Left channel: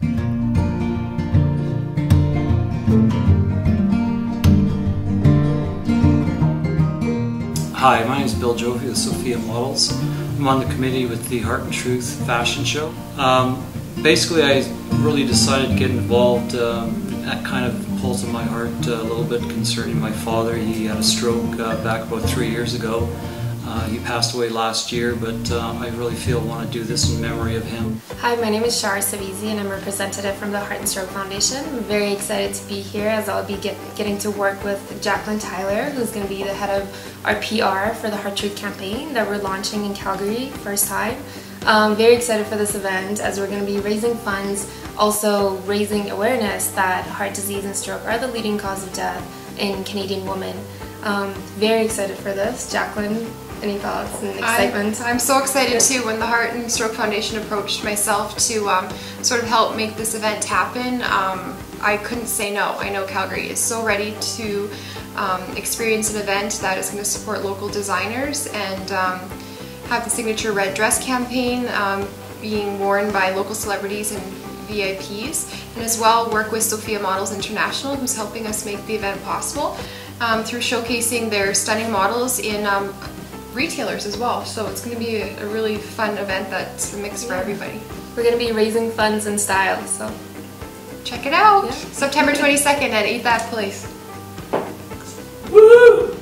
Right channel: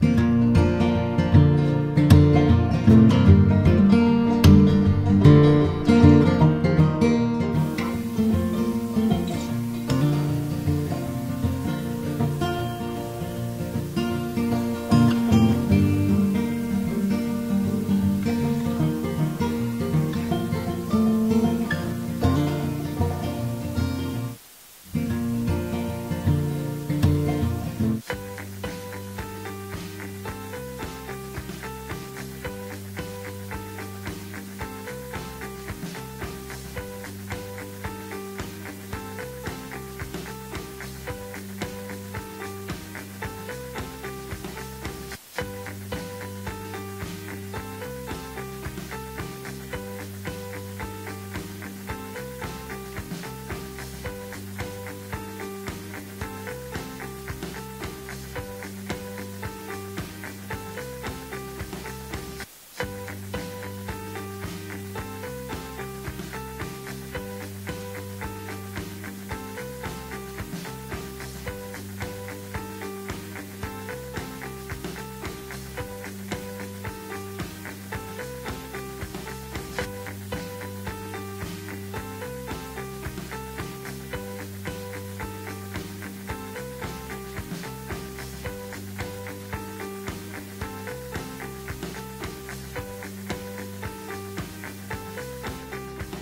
Hi, my name is Bill Jovi with Sophia Models. I'm on the committee with the Heart and Truth fashion show. Basically, I really decided to get involved. That kind of pulls in my heart a little bit concerning my father. He had a stroke back about 3 years ago. He passed away last year, but I really feel I want to do this in memory of him. Hi, my name is Shara Savizi and I'm a representative from the Heart and Stroke Foundation. I'm very excited to be here as I'll be getting to work with Jacqueline Tyler, who's going to be the head of our PR for the Heart Truth campaign that we're launching in Calgary first time. Very excited for this event as we're going to be raising funds, also raising awareness that heart disease and stroke are the leading cause of death in Canadian women. Very excited for this. Jacqueline, any thoughts and excitement? I'm so excited too. When the Heart and Stroke Foundation approached myself to sort of help make this event happen, I couldn't say no. I know Calgary is so ready to experience an event that is going to support local designers and have the signature red dress campaign being worn by local celebrities and VIPs, and as well work with Sophia Models International, who's helping us make the event possible through showcasing their stunning models in retailers as well. So it's going to be a really fun event that's a mix for everybody. We're going to be raising funds in style, so check it out. Yeah. September 22nd at Eat That Place. Woo!